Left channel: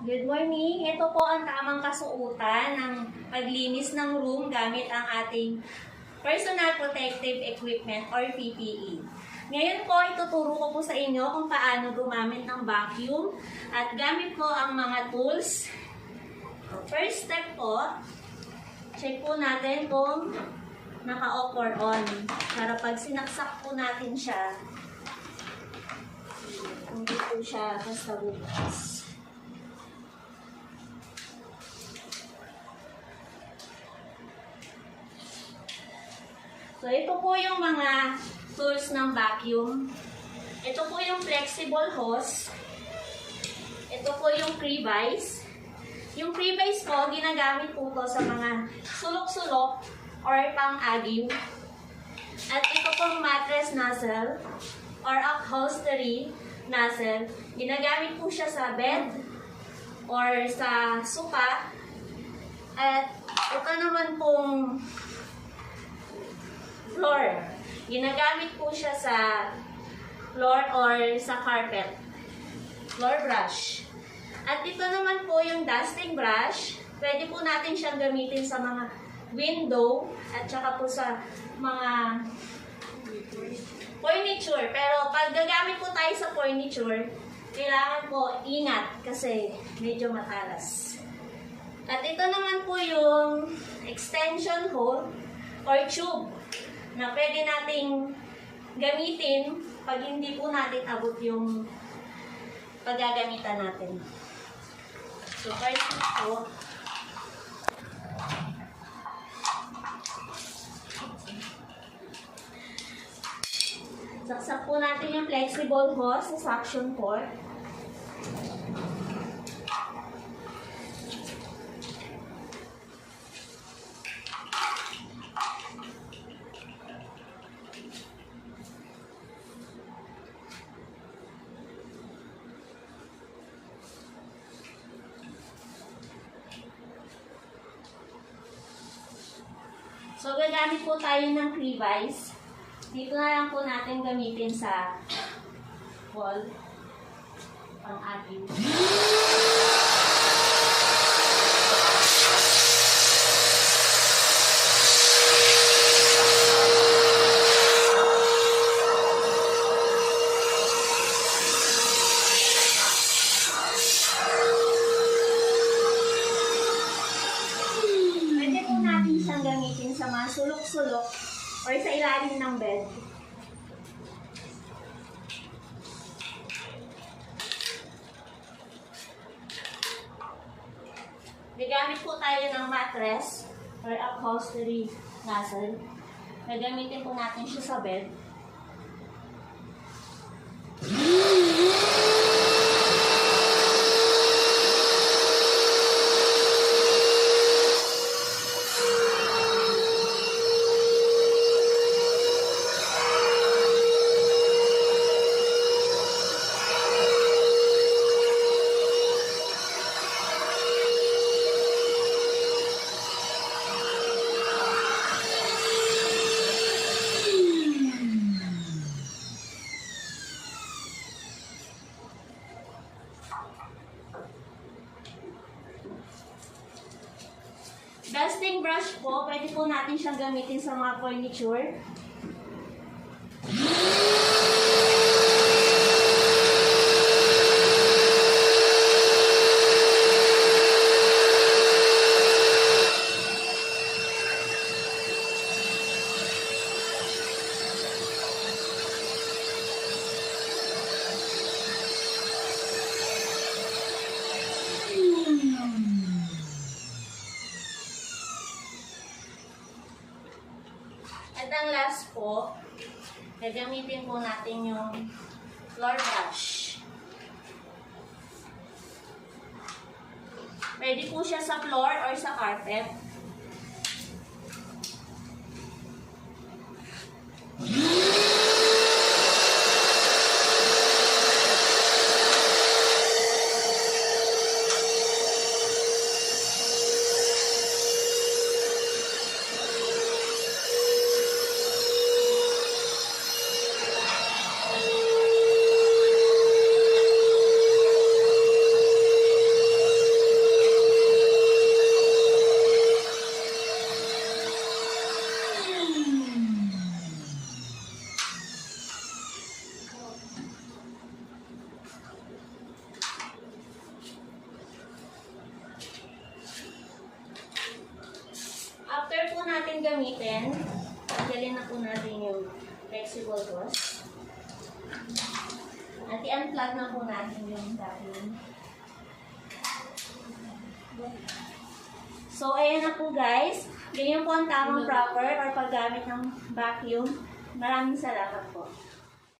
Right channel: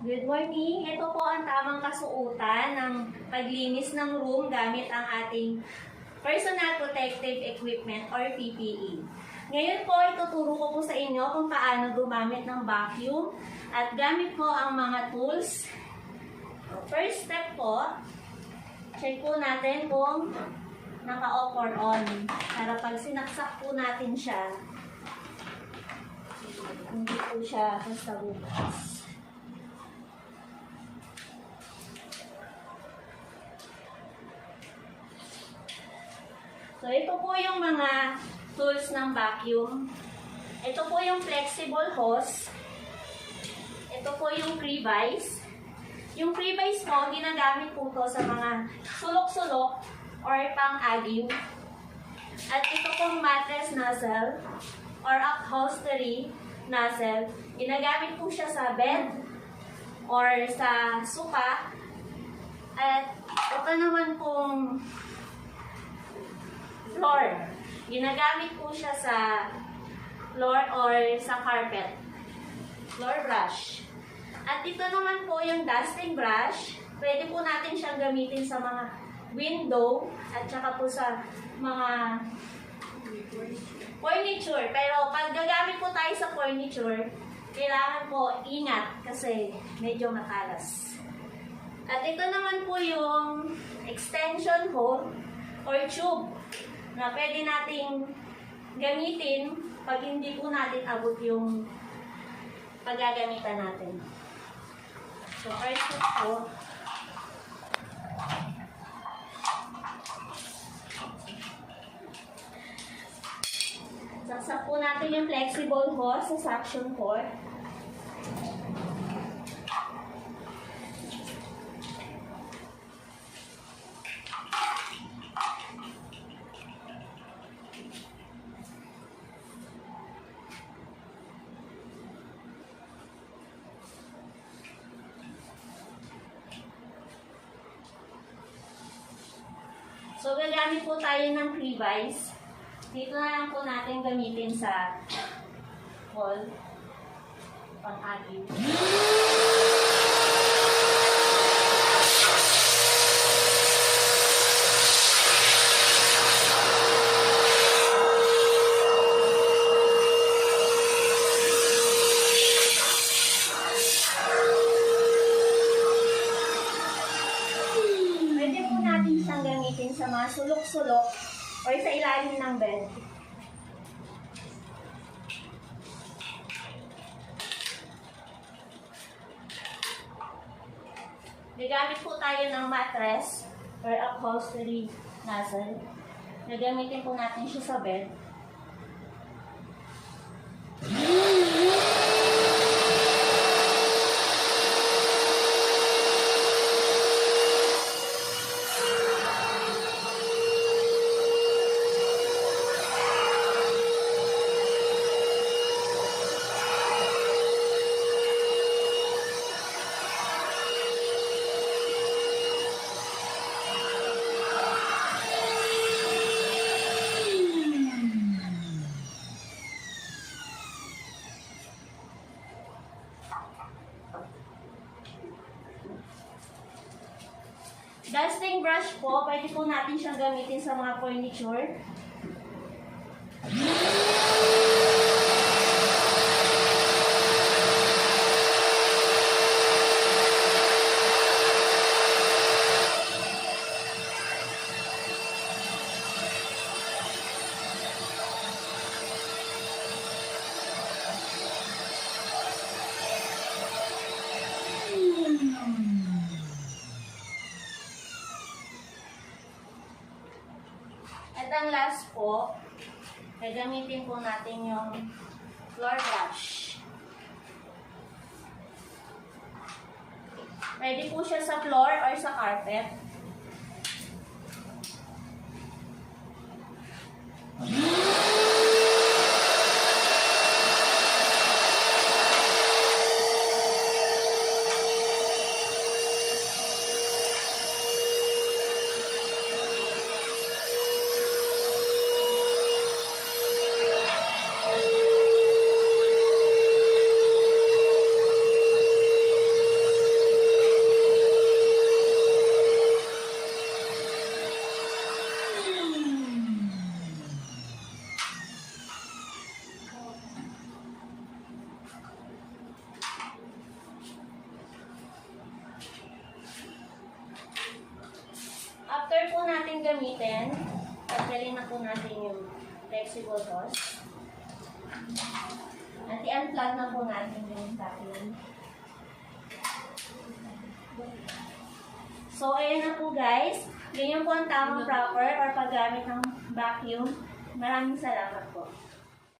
Good morning. Ito po ang tamang kasuotan ng paglinis ng room gamit ang ating Personal Protective Equipment or PPE. Ngayon po, ituturo ko po sa inyo kung paano gumamit ng vacuum at gamit po ang mga tools. First step po, check po natin kung naka-off or on. Para pag sinaksak po natin siya, hindi po siya basta bukas. So, ito po yung mga tools ng vacuum. Ito po yung flexible hose. Ito po yung pre-vise. Yung pre-vise po, ginagamit po to sa mga sulok-sulok or pang-agyo. At ito pong mattress nozzle or upholstery nozzle. Ginagamit po siya sa bed or sa sofa. At ito naman pong floor. Ginagamit po siya sa floor or sa carpet. Floor brush. At ito naman po yung dusting brush. Pwede po natin siyang gamitin sa mga window at saka po sa mga furniture. Pero pag gagamit po tayo sa furniture, kailangan po ingat kasi medyo matalas. At ito naman po yung extension hole or tube na pwede nating gamitin pag hindi po natin abot yung paggagamitan natin. So, first po, saksak po natin yung flexible hose sa suction port. So, gagamit po tayo ng pre-vise. Dito na lang po natin gamitin sa wall pang-agyo. Sa mga sulok-sulok or sa ilalim ng bed. Gagamit po tayo ng mattress or upholstery nozzle. Gagamitin po natin siya sa bed. Dusting brush po, pwede po natin siyang gamitin sa mga furniture. At ang last po, gagamitin po natin yung floor brush. Pwede po siya sa floor or sa carpet. po natin gamitin. Tanggalin na po natin yung flexible hose. At i-unplug na po natin yung vacuum. So, ayan na po guys. Ganyan po ang tamang proper or paggamit ng vacuum. Maraming salamat po.